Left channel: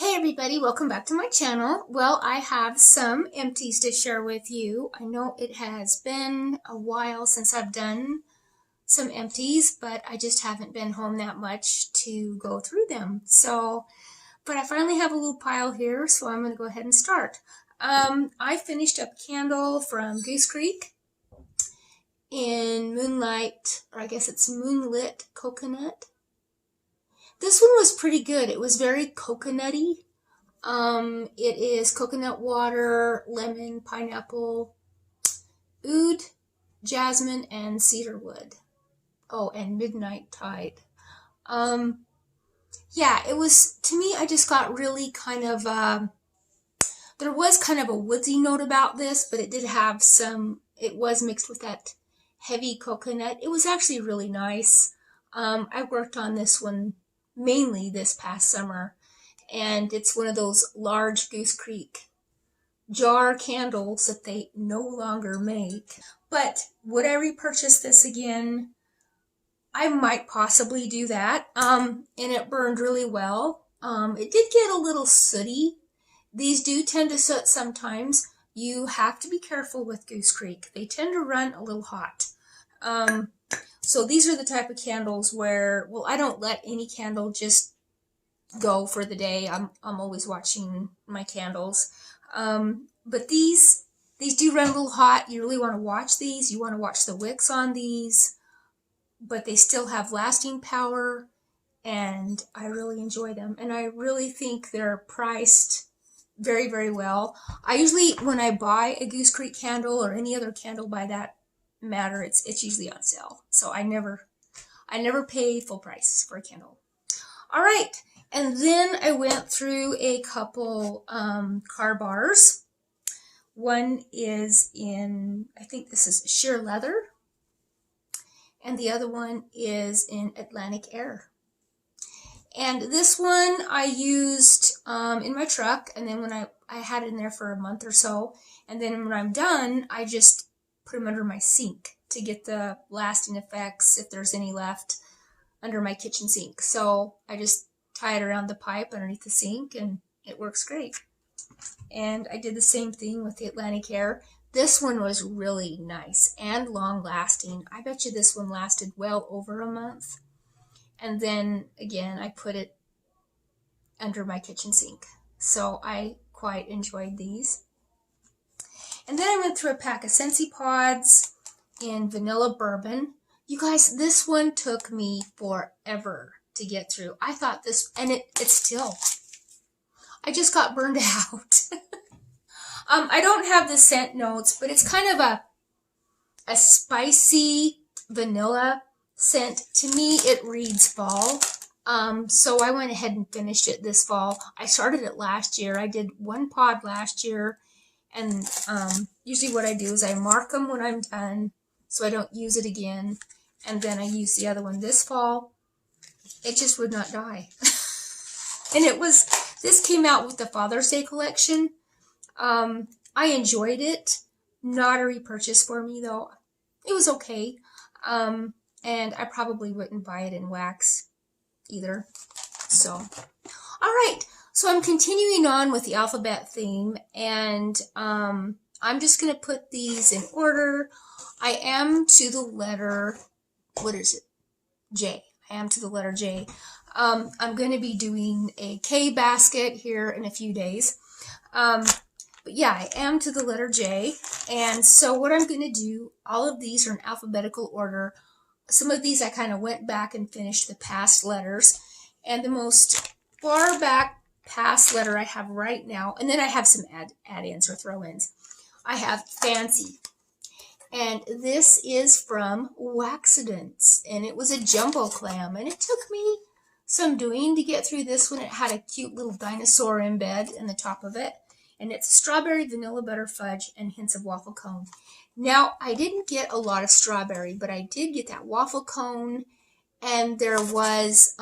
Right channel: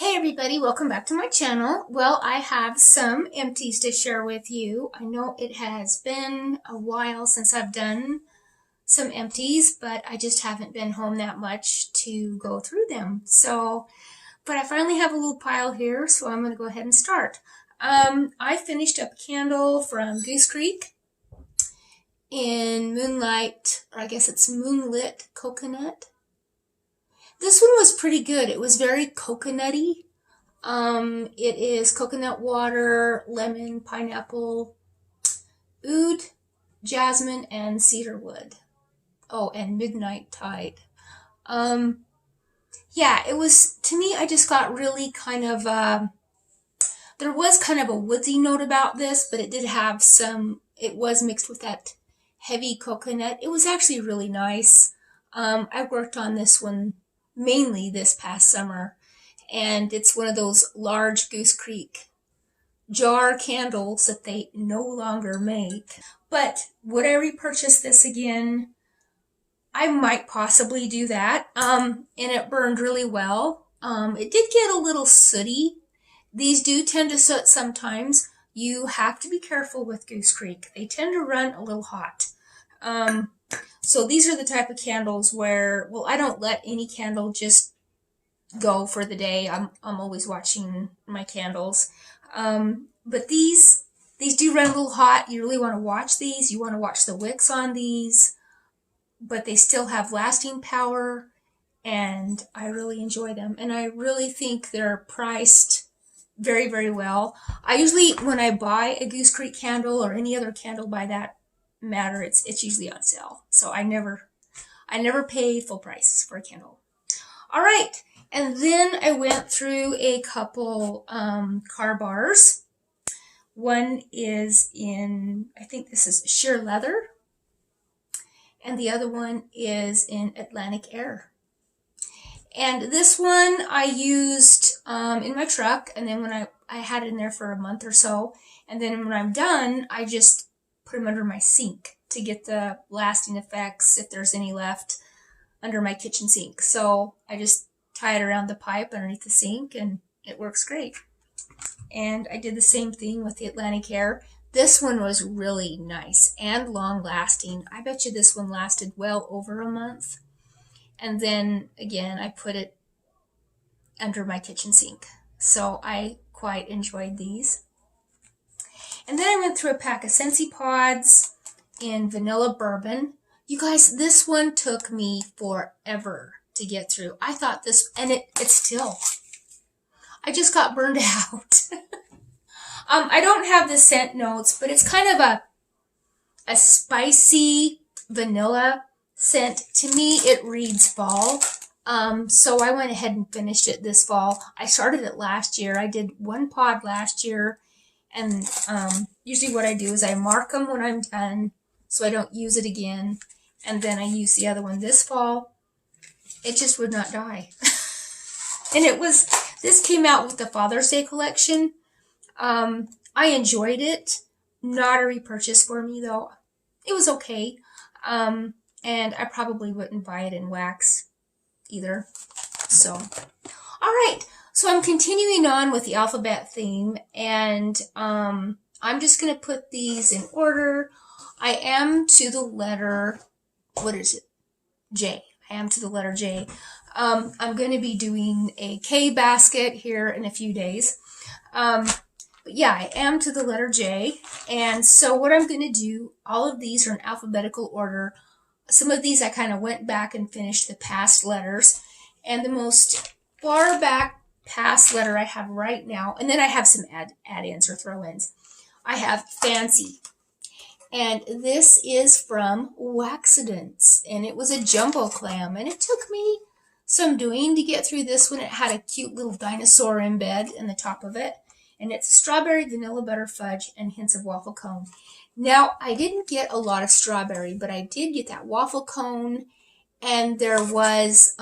Hey everybody, welcome back to my channel. Well, I have some empties to share with you. I know it has been a while since I've done some empties, but I just haven't been home that much to go through them. But I finally have a little pile here, so I'm going to go ahead and start. I finished up a candle from Goose Creek in Moonlight, or I guess it's Moonlit Coconut. This one was pretty good. It was very coconutty. It is coconut water, lemon, pineapple, oud, jasmine, and cedarwood. Oh, and midnight tide. Yeah, it was, to me, I just got really kind of, there was kind of a woodsy note about this, but it did have some, it was mixed with that heavy coconut. It was actually really nice. I worked on this one mainly this past summer, and it's one of those large Goose Creek jar candles that they no longer make. But would I repurchase this again? I might possibly do that. And it burned really well. It did get a little sooty. These do tend to soot sometimes. You have to be careful with Goose Creek. They tend to run a little hot. So these are the type of candles where, well, I don't let any candle just go for the day. I'm always watching my candles. But these do run a little hot. You really want to watch these. You want to watch the wicks on these, but they still have lasting power, and I really enjoy them. And I really think they're priced very, very well. I usually, when I buy a Goose Creek candle or any other candle by that matter, it's usually on sale. So I never pay full price for a candle. All right. And then I went through a couple car bars. One is in, I think this is sheer leather. And the other one is in Atlantic Air. And this one I used in my truck. And then when I had it in there for a month or so. And then when I'm done, I just put them under my sink to get the lasting effects, if there's any left, under my kitchen sink. So I just tie it around the pipe underneath the sink, and it works great. And I did the same thing with the Atlantic Air. This one was really nice and long lasting. I bet you this one lasted well over a month. And then again, I put it under my kitchen sink. So I quite enjoyed these. And then I went through a pack of Scentsy pods in vanilla bourbon. You guys, this one took me forever to get through. I thought this, and it's still, I just got burned out. I don't have the scent notes, but it's kind of a spicy vanilla scent. To me, it reads fall. So I went ahead and finished it this fall. I started it last year. I did one pod last year. And usually what I do is I mark them when I'm done so I don't use it again. And then I use the other one this fall. It just would not die. And this came out with the Father's Day collection. I enjoyed it. Not a repurchase for me though. It was okay. And I probably wouldn't buy it in wax either. So, all right. So I'm continuing on with the alphabet theme, and I'm just going to put these in order. I am to the letter, what is it? J. I am to the letter J. I'm going to be doing a K basket here in a few days. But yeah, I am to the letter J. And so what I'm going to do, all of these are in alphabetical order. Some of these I kind of went back and finished the past letters. And the most far back past letter I have right now, and then I have some add-ins or throw-ins. I have Fancy, and this is from Waxidents, and it was a jumbo clam, and it took me some doing to get through this one. It had a cute little dinosaur embed in the top of it, and it's strawberry, vanilla butter fudge, and hints of waffle cone. Now, I didn't get a lot of strawberry, but I did get that waffle cone, and there was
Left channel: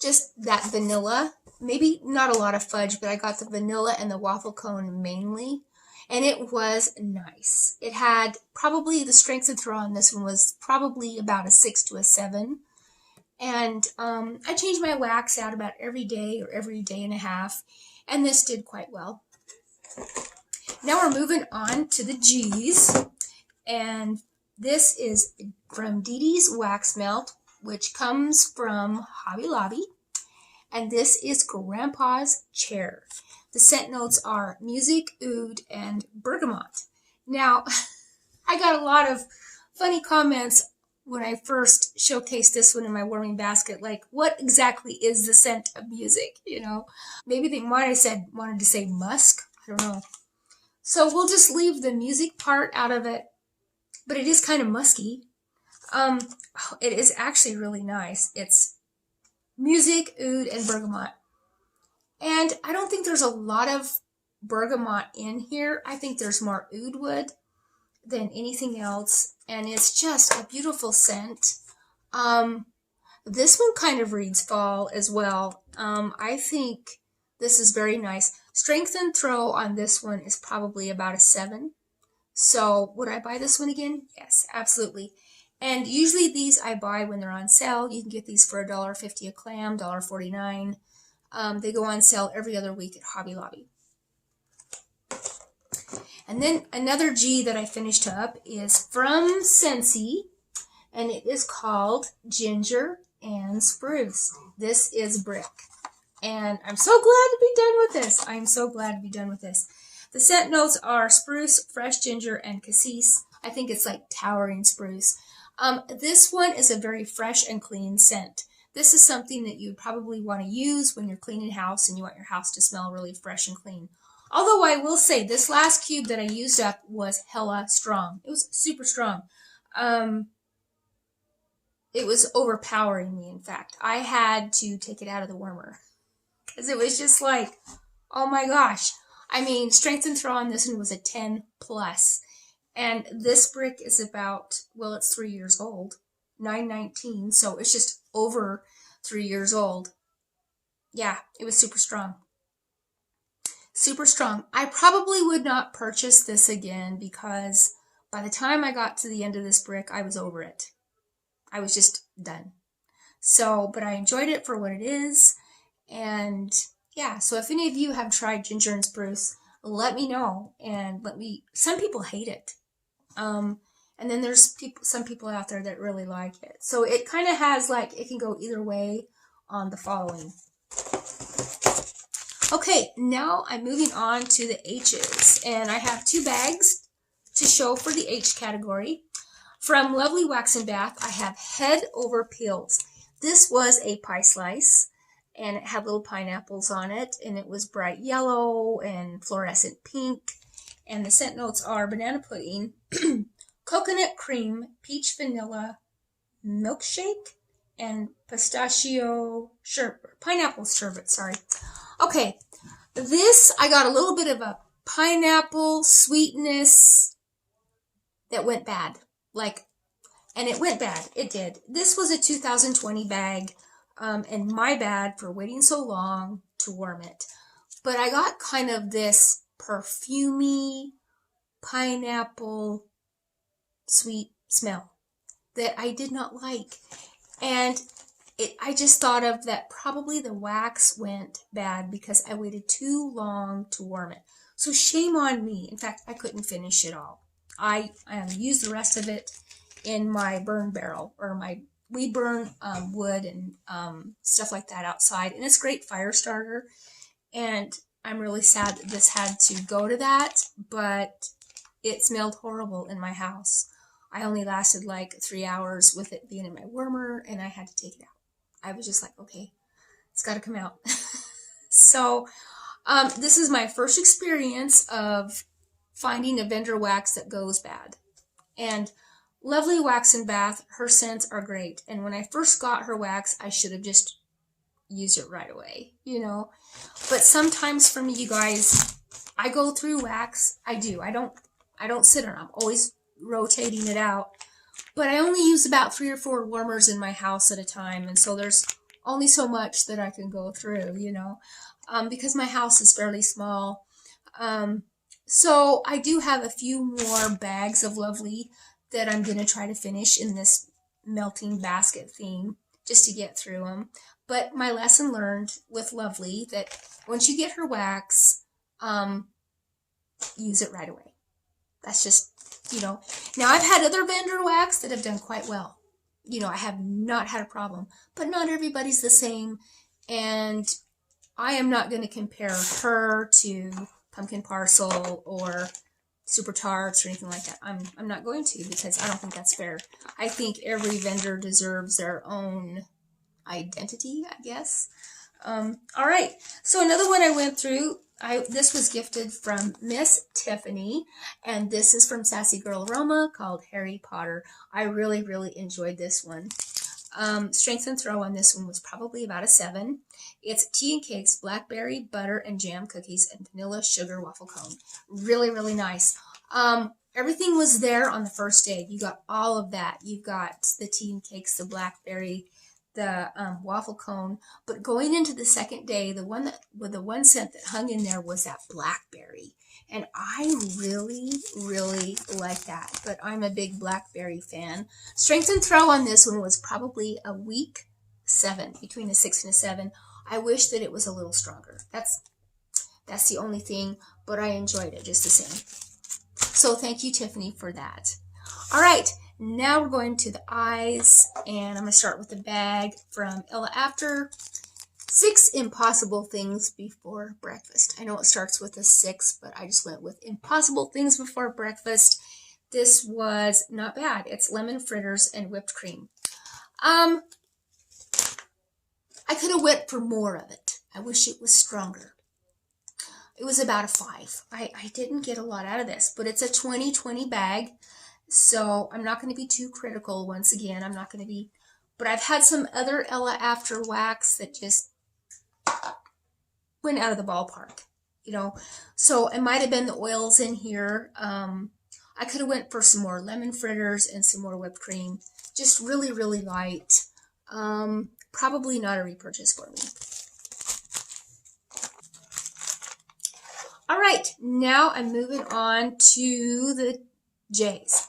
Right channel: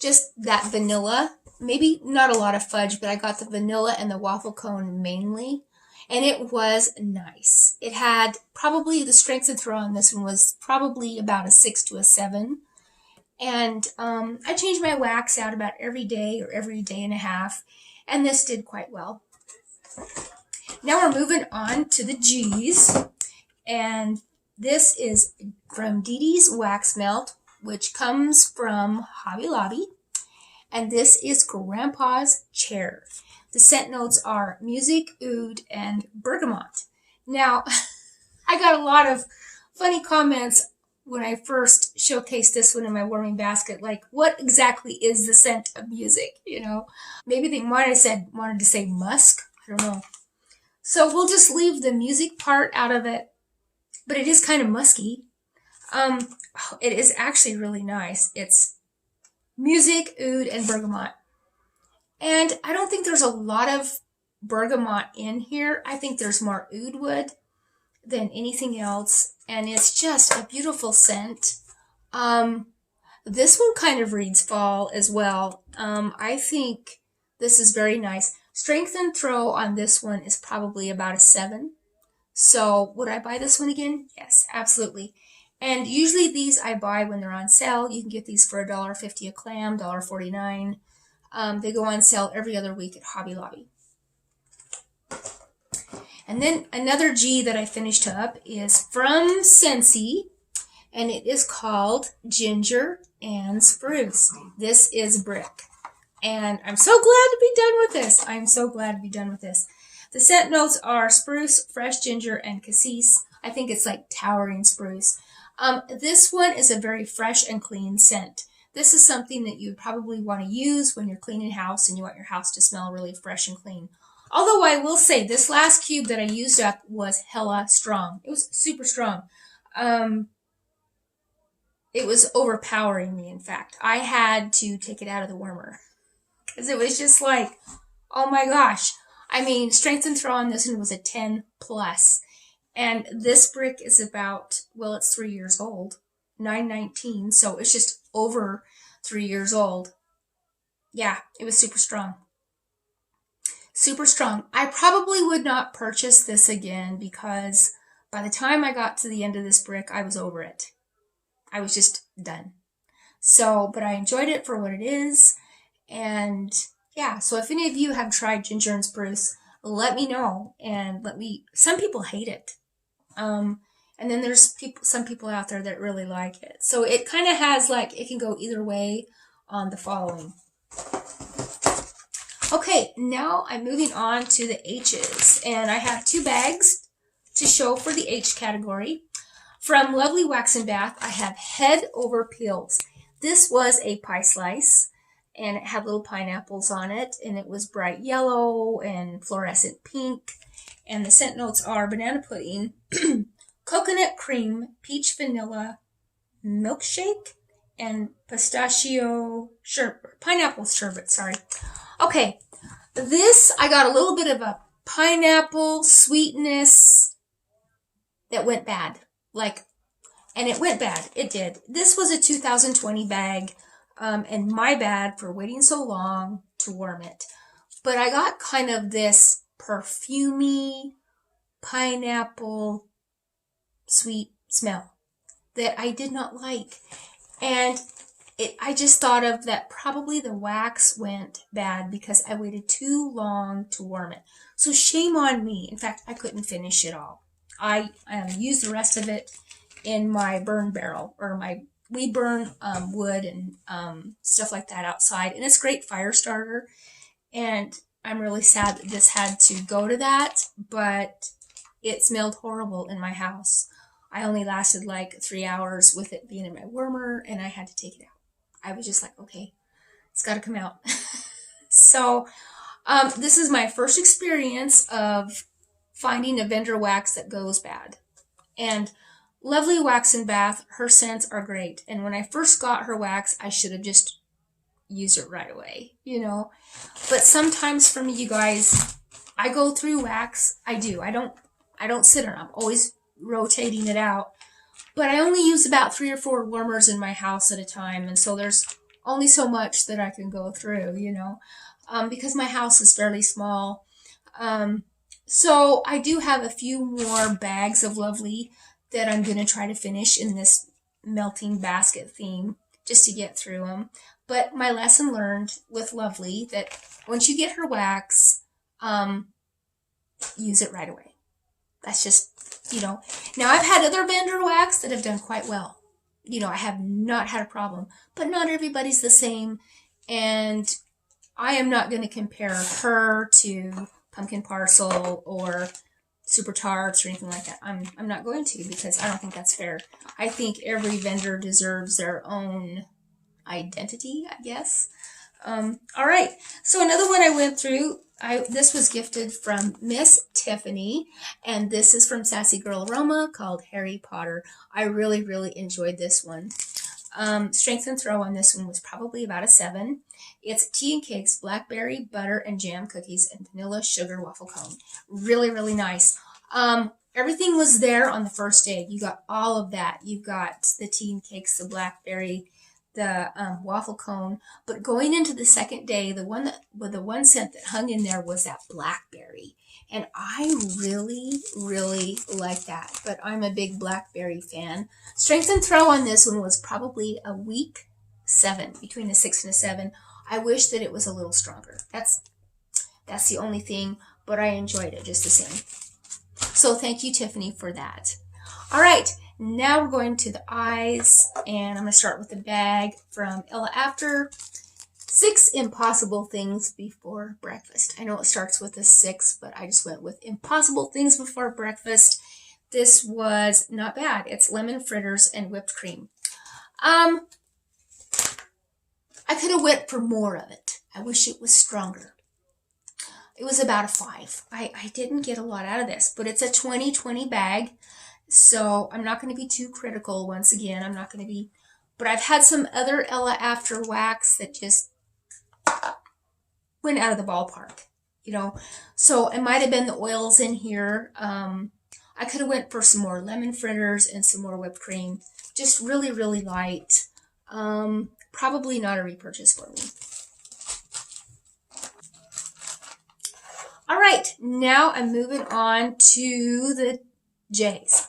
just that vanilla. Maybe not a lot of fudge, but I got the vanilla and the waffle cone mainly. And it was nice. It had probably, the strength of throw on this one was probably about a 6 to a 7. And I change my wax out about every day or every day and a half, and this did quite well. Now we're moving on to the G's, and this is from Dee Dee's Wax Melt, which comes from Hobby Lobby, and this is Grandpa's Chair. The scent notes are music, oud, and bergamot. Now, I got a lot of funny comments when I first showcased this one in my warming basket, like, what exactly is the scent of music, you know? Maybe they wanted to say musk, I don't know. So we'll just leave the music part out of it, but it is kind of musky. It is actually really nice. It's music, oud, and bergamot. And I don't think there's a lot of bergamot in here. I think there's more oud wood than anything else, and it's just a beautiful scent. This one kind of reads fall as well. I think this is very nice. Strength and throw on this one is probably about a 7. So would I buy this one again? Yes, absolutely. And usually these I buy when they're on sale. You can get these for $1.50 a clam, $1.49. They go on sale every other week at Hobby Lobby. And then another G that I finished up is from Scentsy, and it is called Ginger and Spruce. This is brick, and I'm so glad to be done with this. I'm so glad to be done with this. The scent notes are spruce, fresh ginger, and cassis. I think it's like towering spruce. This one is a very fresh and clean scent. This is something that you would probably want to use when you're cleaning house and you want your house to smell really fresh and clean. Although I will say this last cube that I used up was hella strong. It was super strong. It was overpowering me, in fact. I had to take it out of the warmer because it was just like, oh my gosh. I mean, strength and throw on this one was a 10 plus. And this brick is about, well, it's 3 years old. 919, so it's just over 3 years old. Yeah, it was super strong. Super strong. I probably would not purchase this again because by the time I got to the end of this brick, I was over it. I was just done. So, but I enjoyed it for what it is. And yeah, so if any of you have tried Ginger and Spruce, let me know. And some people hate it. And then there's some people out there that really like it. So it kind of has like, it can go either way on the following. Okay, now I'm moving on to the H's, and I have 2 bags to show for the H category. From Lovelee Wax and Bath, I have Head Over Peels. This was a pie slice, and it had little pineapples on it, and it was bright yellow and fluorescent pink, and the scent notes are banana pudding, coconut cream, peach vanilla, milkshake, and pistachio sherbet, pineapple sherbet, sorry. Okay, this, I got a little bit of a pineapple sweetness that went bad. And it went bad. It did. This was a 2020 bag, and my bad for waiting so long to warm it. But I got kind of this perfumey, pineapple, sweet smell that I did not like. And I just thought of that probably the wax went bad because I waited too long to warm it. So shame on me. In fact, I couldn't finish it all. I used the rest of it in my burn barrel, or we burn wood and stuff like that outside. And it's a great fire starter. And I'm really sad that this had to go to that, but it smelled horrible in my house. I only lasted like 3 hours with it being in my warmer, and I had to take it out. I was just like, okay, it's got to come out. So this is my first experience of finding a vendor wax that goes bad. And Lovelee Wax and Bath, her scents are great. And when I first got her wax, I should have just used it right away, you know. But sometimes for me, you guys, I go through wax. I do. I don't sit on it. I'm always rotating it out. But I only use about 3 or 4 warmers in my house at a time. And so there's only so much that I can go through, you know, because my house is fairly small. So I do have a few more bags of Lovelee that I'm going to try to finish in this melting basket theme just to get through them. But my lesson learned with Lovelee that once you get her wax, use it right away. That's just, you know. Now, I've had other vendor wax that have done quite well. You know, I have not had a problem. But not everybody's the same. And I am not going to compare her to Pumpkin Parcel or Super Tarts or anything like that. I'm not going to, because I don't think that's fair. I think every vendor deserves their own identity, I guess. All right. So another one I went through, this was gifted from Miss Tiffany, and this is from Sassy Girl Aroma, called Harry Potter. I really, really enjoyed this one. Strength and throw on this one was probably about a 7. It's tea and cakes, blackberry, butter, and jam cookies, and vanilla sugar waffle cone. Really, really nice. Everything was there on the first day. You got all of that. You got the tea and cakes, the blackberry, the waffle cone. But going into the second day, the one scent that hung in there was that blackberry. And I really, really like that. But I'm a big blackberry fan. Strength and throw on this one was probably a weak 7, between a 6 and a 7. I wish that it was a little stronger. That's the only thing, but I enjoyed it just the same. So thank you, Tiffany, for that. All right, now we're going to the eyes, and I'm going to start with the bag from Ella After. 6 impossible things before breakfast. I know it starts with a 6, but I just went with impossible things before breakfast. This was not bad. It's lemon fritters and whipped cream. I could have went for more of it. I wish it was stronger. It was about a 5. I didn't get a lot out of this, but it's a 20/20 bag, so I'm not going to be too critical. Once again, I'm not going to be, but I've had some other Ella After wax that just went out of the ballpark, you know. So it might have been the oils in here. I could have went for some more lemon fritters and some more whipped cream. Just really, really light. Probably not a repurchase for me. All right, now I'm moving on to the J's.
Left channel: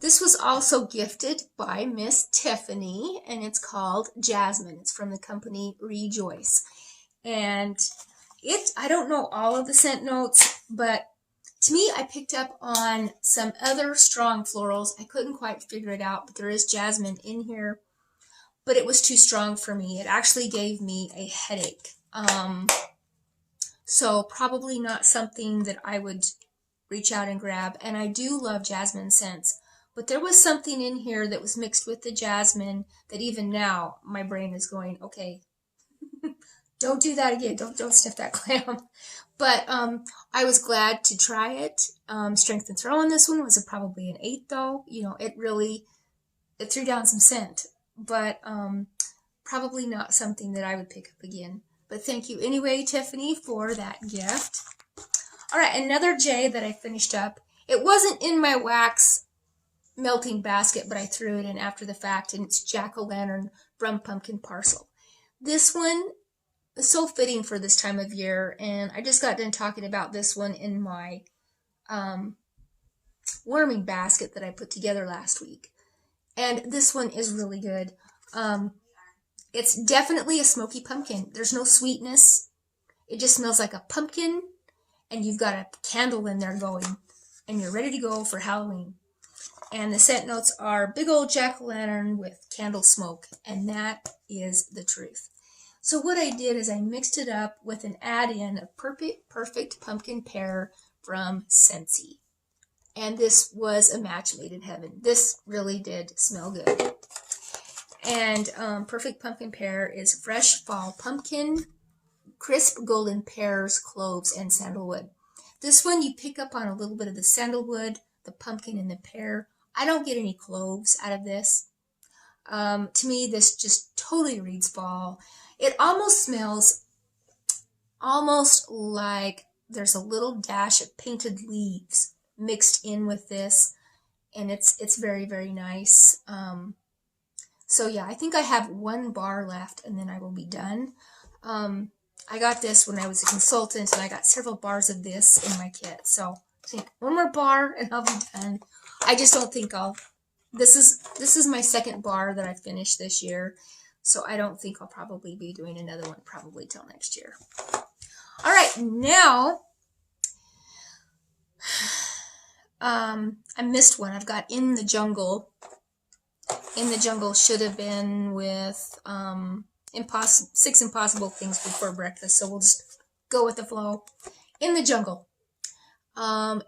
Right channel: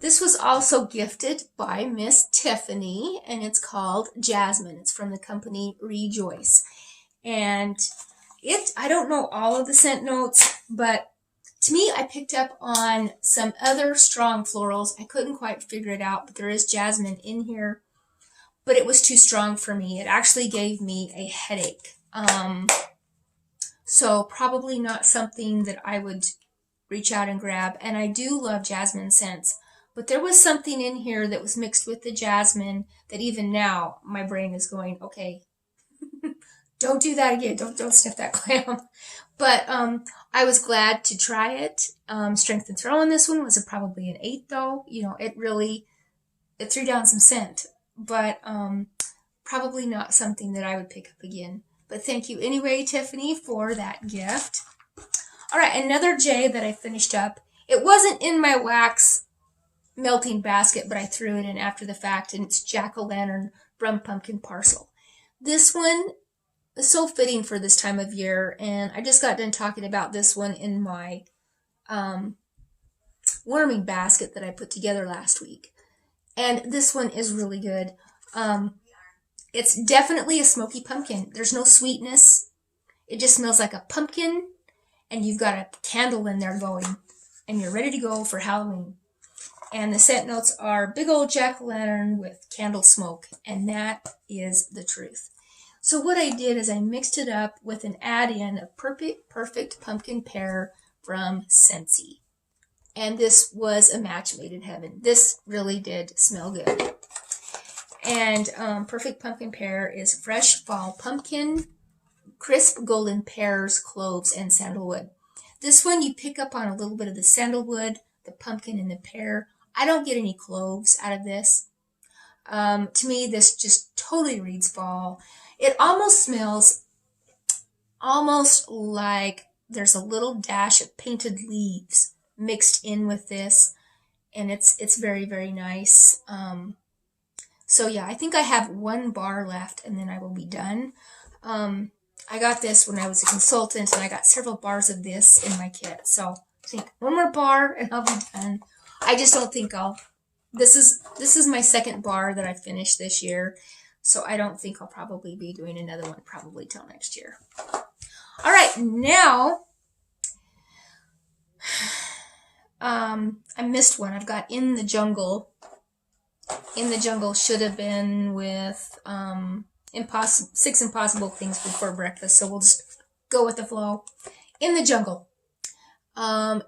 This was also gifted by Miss Tiffany, and it's called Jasmine. It's from the company Rejoice. And I don't know all of the scent notes, but to me, I picked up on some other strong florals. I couldn't quite figure it out, but there is jasmine in here. But it was too strong for me. It actually gave me a headache. So probably not something that I would reach out and grab. And I do love jasmine scents. But there was something in here that was mixed with the jasmine that even now my brain is going, okay, don't do that again. Don't sniff that clam. But I was glad to try it. Strength and throw on this one was probably an 8 though. You know, it threw down some scent. But probably not something that I would pick up again. But thank you anyway, Tiffany, for that gift. All right, another J that I finished up. It wasn't in my wax melting basket, but I threw it in after the fact, and it's Jack-o'-lantern from Pumpkin Parcel. This one is so fitting for this time of year, and I just got done talking about this one in my warming basket that I put together last week. And this one is really good. It's definitely a smoky pumpkin. There's no sweetness. It just smells like a pumpkin, and you've got a candle in there going, and you're ready to go for Halloween. And the scent notes are big old jack-o'-lantern with candle smoke, and that is the truth. So what I did is I mixed it up with an add-in of Perfect Pumpkin Pear from Scentsy. And this was a match made in heaven. This really did smell good. And Perfect Pumpkin Pear is fresh fall pumpkin, crisp golden pears, cloves, and sandalwood. This one you pick up on a little bit of the sandalwood, the pumpkin, and the pear. I don't get any cloves out of this. To me, this just totally reads fall. It almost smells almost like there's a little dash of painted leaves mixed in with this, and it's very, very nice. So yeah, I think I have 1 bar left, and then I will be done. I got this when I was a consultant, and I got several bars of this in my kit. So I think 1 more bar, and I'll be done. I just don't think I'll this is my second bar that I finished this year, so I don't think I'll probably be doing another one probably till next year. All right, now I missed one. I've got In the Jungle. In the Jungle should have been with 6 Impossible Things Before Breakfast, so we'll just go with the flow. In the Jungle.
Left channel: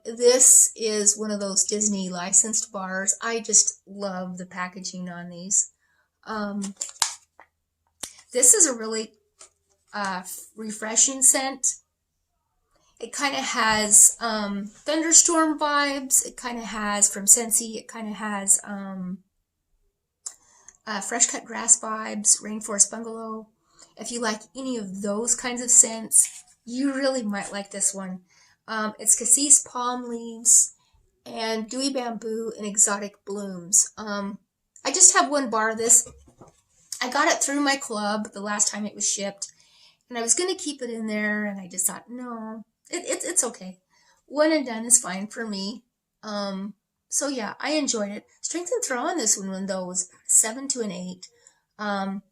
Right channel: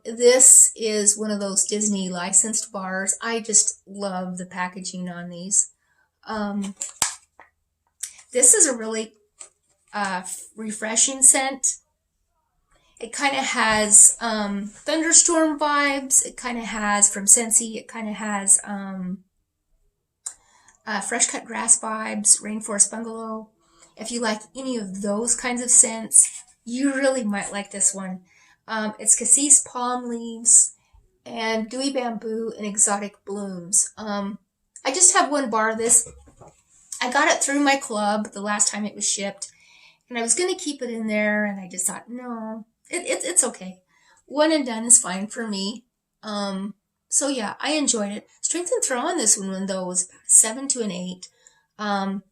This is one of those Disney licensed bars. I just love the packaging on these. This is a really refreshing scent. It kind of has thunderstorm vibes. It kind of has, from Scentsy, it kind of has fresh cut grass vibes, rainforest bungalow. If you like any of those kinds of scents, you really might like this one. It's cassis palm leaves and dewy bamboo and exotic blooms. I just have one bar of this. I got it through my club the last time it was shipped, and I was going to keep it in there, and I just thought, no, it's okay. One and done is fine for me. So yeah, I enjoyed it. Strength and throw on this one, though, was about a 7 to an 8. And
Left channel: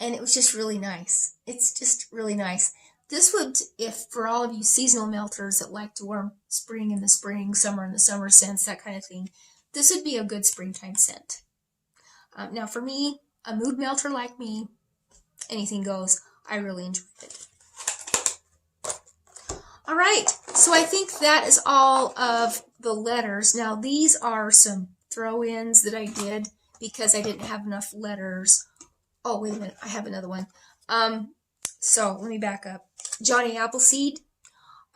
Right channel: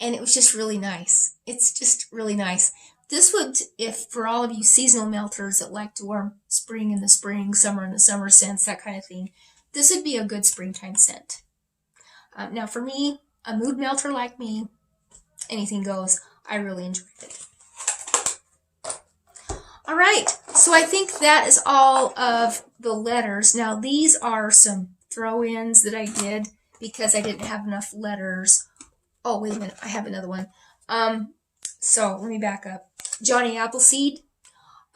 it was just really nice. It's just really nice. This would, if for all of you seasonal melters that like to wear spring in the spring, summer in the summer scents, that kind of thing, this would be a good springtime scent. Now for me, a mood melter like me, anything goes. I really enjoyed it. All right, so I think that is all of the letters. Now these are some throw-ins that I did because I didn't have enough letters. Oh, wait a minute, I have another one. So let me back up. Johnny Appleseed.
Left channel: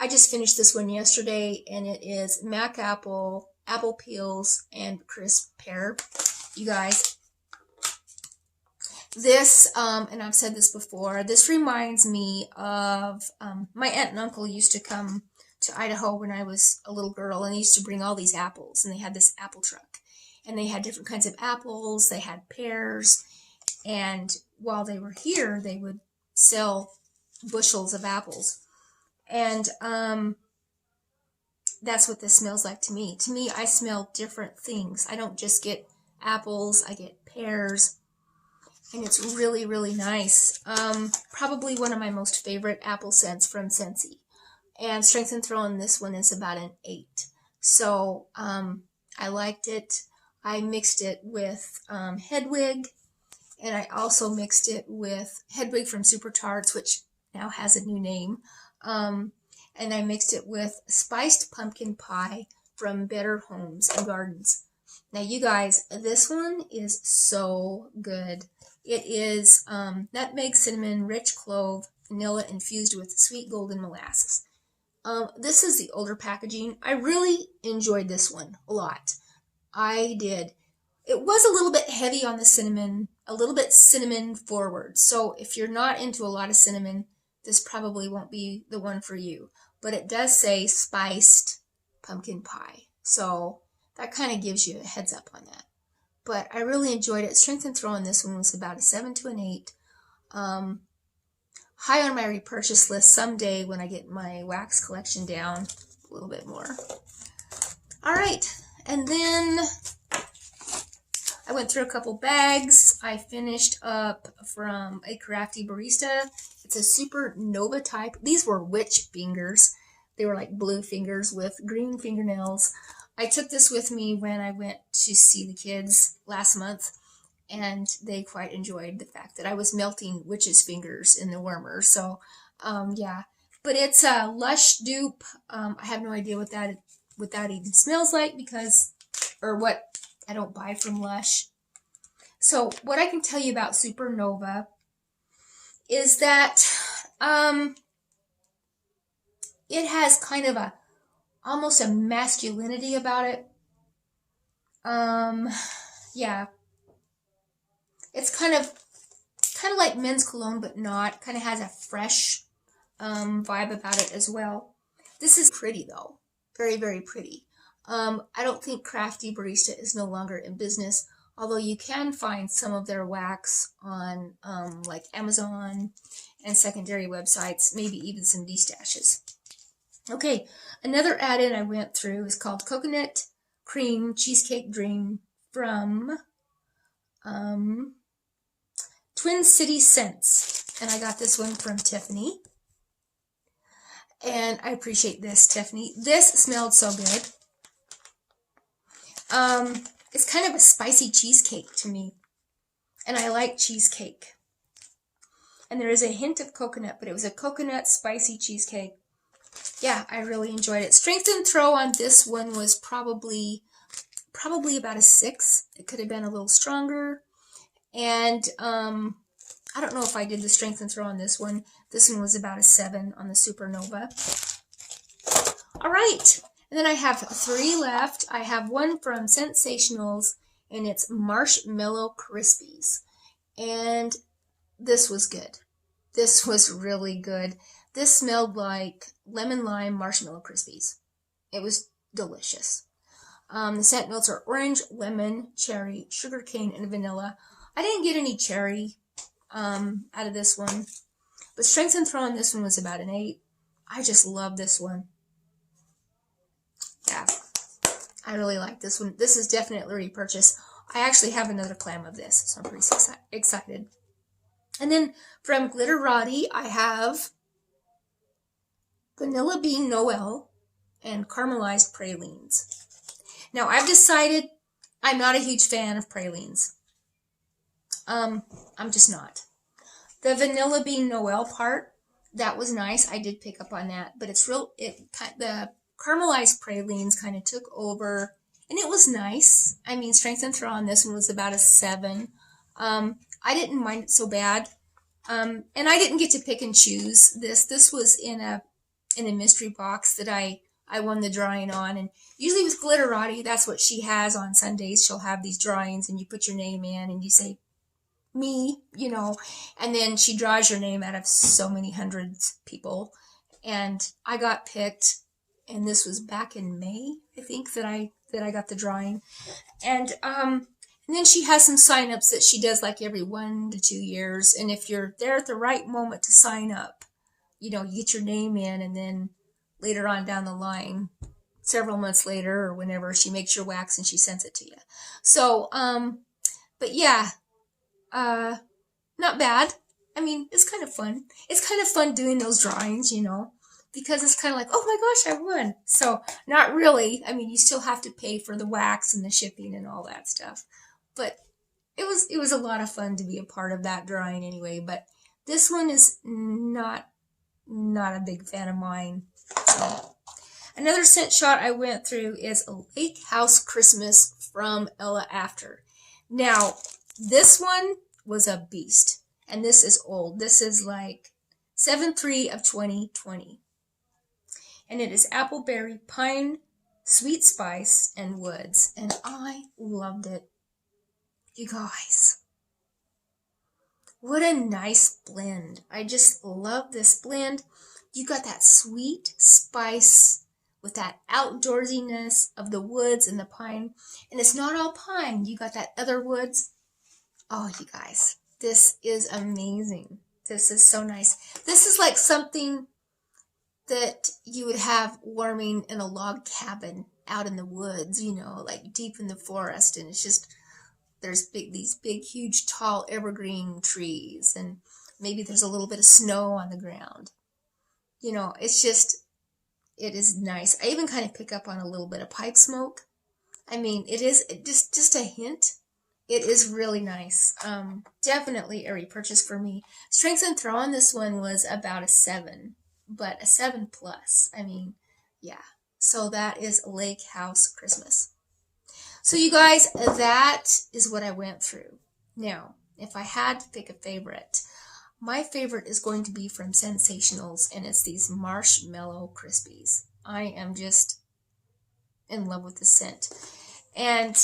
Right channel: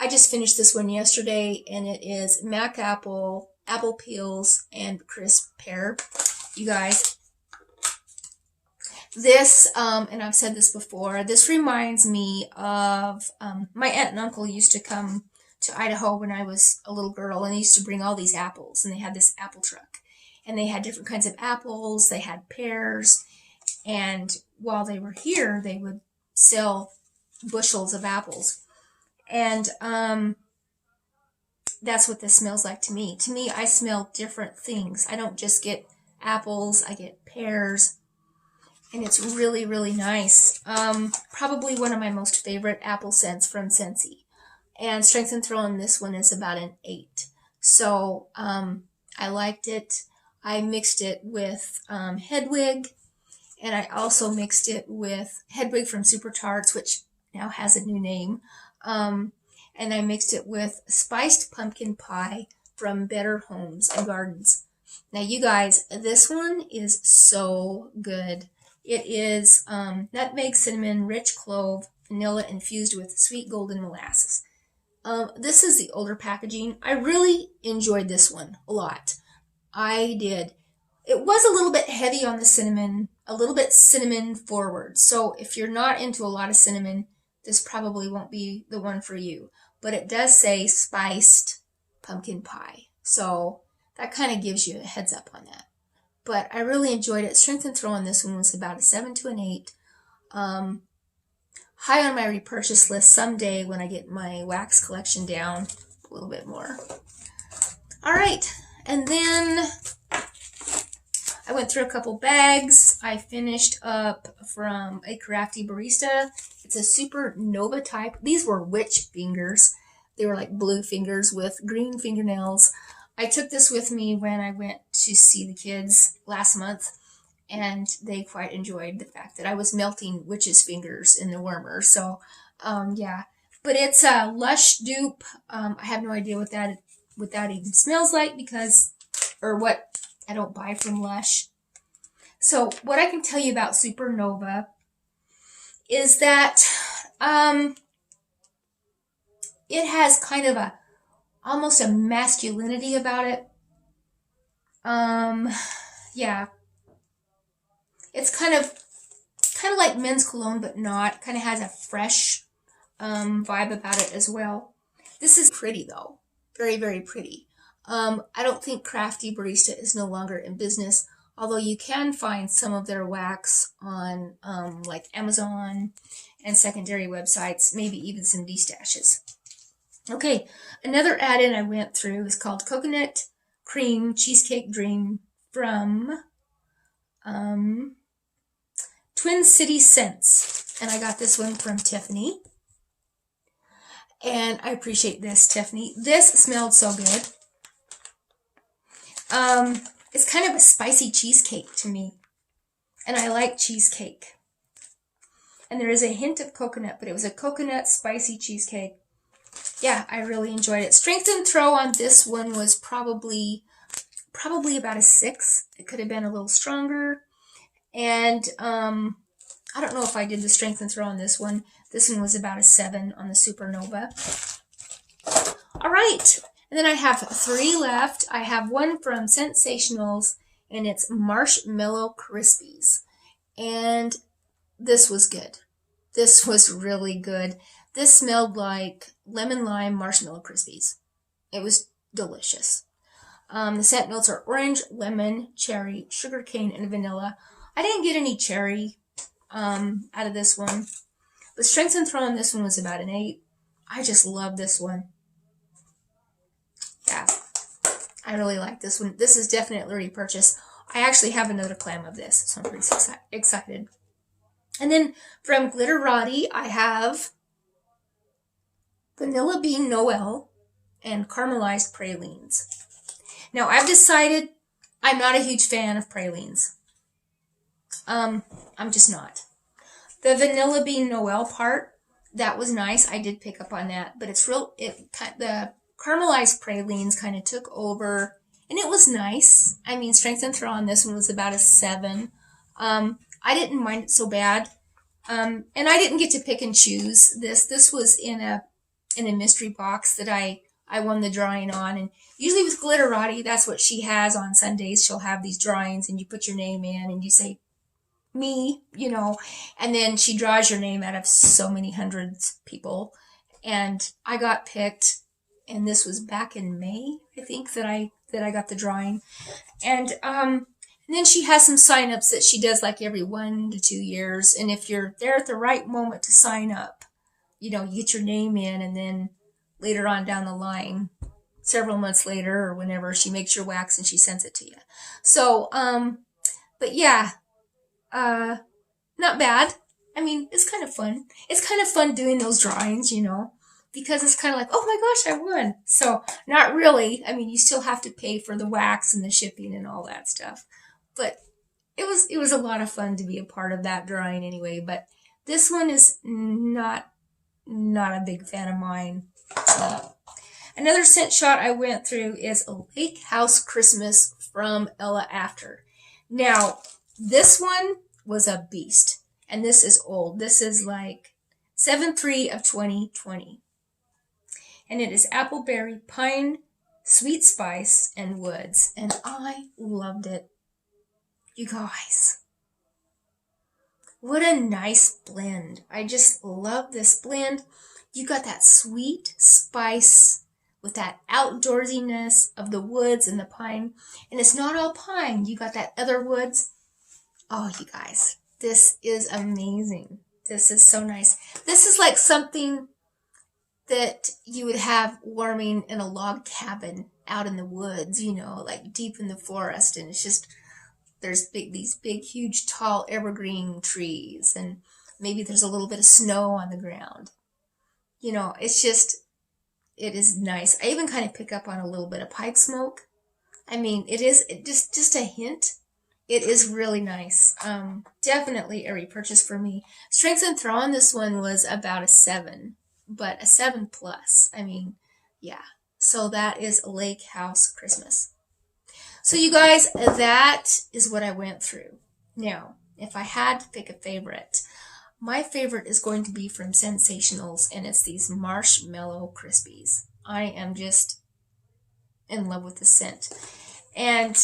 I just finished this one yesterday, and it is Mac Apple, apple peels, and crisp pear. You guys, this, and I've said this before, this reminds me of my aunt and uncle used to come to Idaho when I was a little girl, and they used to bring all these apples, and they had this apple truck, and they had different kinds of apples, they had pears, and while they were here, they would sell bushels of apples. And that's what this smells like to me. To me, I smell different things. I don't just get apples, I get pears. And it's really, really nice. Probably one of my most favorite apple scents from Scentsy. And strength and throw on this one is about an 8. So I liked it. I mixed it with Hedwig. And I also mixed it with Hedwig from Super Tarts, which now has a new name. And I mixed it with Spiced Pumpkin Pie from Better Homes and Gardens. Now, you guys, this one is so good. It is nutmeg, cinnamon, rich clove, vanilla infused with sweet golden molasses. This is the older packaging. I really enjoyed this one a lot. I did. It was a little bit heavy on the cinnamon, a little bit cinnamon forward. So if you're not into a lot of cinnamon, this probably won't be the one for you. But it does say spiced pumpkin pie. So that kind of gives you a heads up on that. But I really enjoyed it. Strength and throw on this one was about a 7 to an 8. High on my repurchase list someday when I get my wax collection down a little bit more. All right. And then I went through a couple bags. I finished up from a Crafty Barista. It's a Super Nova type. These were witch fingers. They were like blue fingers with green fingernails. I took this with me when I went to see the kids last month, and they quite enjoyed the fact that I was melting witches' fingers in the warmer. So, yeah. But it's a Lush dupe. I have no idea what that even smells like because, or what I don't buy from Lush. So what I can tell you about Supernova is that it has kind of almost a masculinity about it. Yeah. It's kind of like men's cologne, but not. Kind of has a fresh vibe about it as well. This is pretty though. Very, very pretty. I don't think Crafty Barista is no longer in business, although you can find some of their wax on like Amazon and secondary websites, maybe even some D-stashes. Okay, another add-in I went through is called Coconut Cream Cheesecake Dream from Twin City Scents. And I got this one from Tiffany. And I appreciate this, Tiffany. This smelled so good. It's kind of a spicy cheesecake to me. And I like cheesecake. And there is a hint of coconut, but it was a coconut spicy cheesecake. Yeah, I really enjoyed it. Strength and throw on this one was probably about a 6. It could have been a little stronger. And I don't know if I did the strength and throw on this one. This one was about a 7 on the Supernova. All right. And then I have 3 left. I have one from ScentSationals, and it's Marshmallow Crispies. And this was good. This was really good. This smelled like lemon lime marshmallow Crispies. It was delicious. The scent notes are orange, lemon, cherry, sugarcane, and vanilla. I didn't get any cherry out of this one. The strength and throw on this one was about an 8. I just love this one. Yeah, I really like this one. This is definitely a repurchase. I actually have another clam of this, so I'm pretty excited. And then from Glitterati, I have Vanilla Bean Noel and Caramelized Pralines. Now, I've decided I'm not a huge fan of pralines. I'm just not. The Vanilla Bean Noel part, that was nice. I did pick up on that, but the caramelized pralines kind of took over, and it was nice. I mean, strength and throw on this one was about a 7. I didn't mind it so bad. And I didn't get to pick and choose this. This was in a mystery box that I won the drawing on. And usually with Glitterati, that's what she has on Sundays. She'll have these drawings, and you put your name in and you say, me, you know, and then she draws your name out of so many hundreds of people. And I got picked, and this was back in May, I think, that I got the drawing. And then she has some sign-ups that she does like every 1 to 2 years. And if you're there at the right moment to sign up, you know, you get your name in, and then later on down the line, several months later or whenever, she makes your wax and she sends it to you. So, but yeah, not bad. I mean, it's kind of fun. It's kind of fun doing those drawings, you know, because it's kind of like, oh my gosh, I won. So not really. I mean, you still have to pay for the wax and the shipping and all that stuff. But it was a lot of fun to be a part of that drawing anyway. But this one is not a big fan of mine. So another scent shot I went through is a Lake House Christmas from Ella After. Now, this one was a beast, and this is old. This is like 7/3 of 2020, and it is appleberry, pine, sweet spice, and woods, and I loved it. You guys, what a nice blend. I just love this blend. You got that sweet spice with that outdoorsiness of the woods and the pine, and it's not all pine. You got that other woods. Oh, you guys, this is amazing. This is so nice. This is like something that you would have warming in a log cabin out in the woods, you know, like deep in the forest. And it's just, there's these big, huge, tall evergreen trees. And maybe there's a little bit of snow on the ground. You know, it's just, it is nice. I even kind of pick up on a little bit of pipe smoke. I mean, it is just a hint. It is really nice. Definitely a repurchase for me. Strength and throw on this one was about a 7, but a 7+. I mean, yeah. So that is Lake House Christmas. So you guys, that is what I went through. Now, if I had to pick a favorite, my favorite is going to be from ScentSationals, and it's these Marshmallow Crispies. I am just in love with the scent. And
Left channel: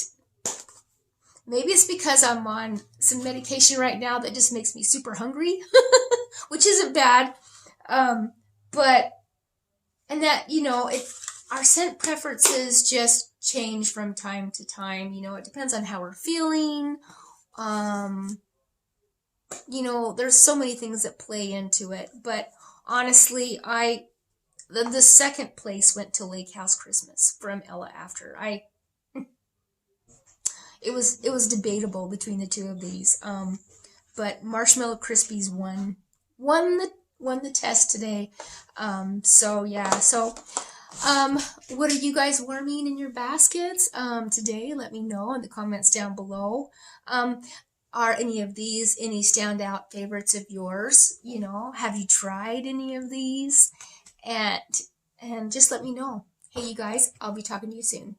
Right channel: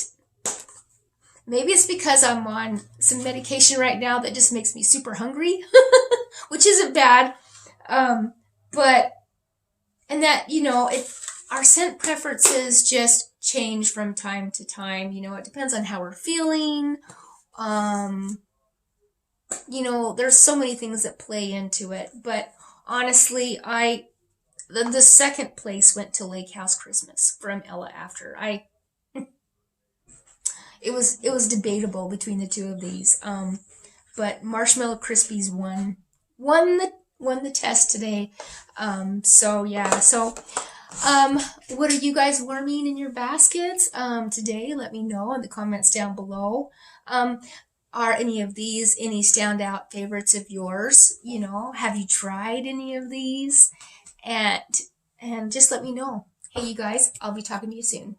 maybe it's because I'm on some medication right now that just makes me super hungry, which isn't bad. But, and that, you know, our scent preferences just change from time to time. You know, it depends on how we're feeling. You know, there's so many things that play into it. But honestly, the second place went to Lake House Christmas from Ella After. it was debatable between the two of these. But Marshmallow Crispies won the test today. So yeah. So what are you guys warming in your baskets today? Let me know in the comments down below. Are any of these any standout favorites of yours? You know, have you tried any of these? And just let me know. Hey, you guys, I'll be talking to you soon.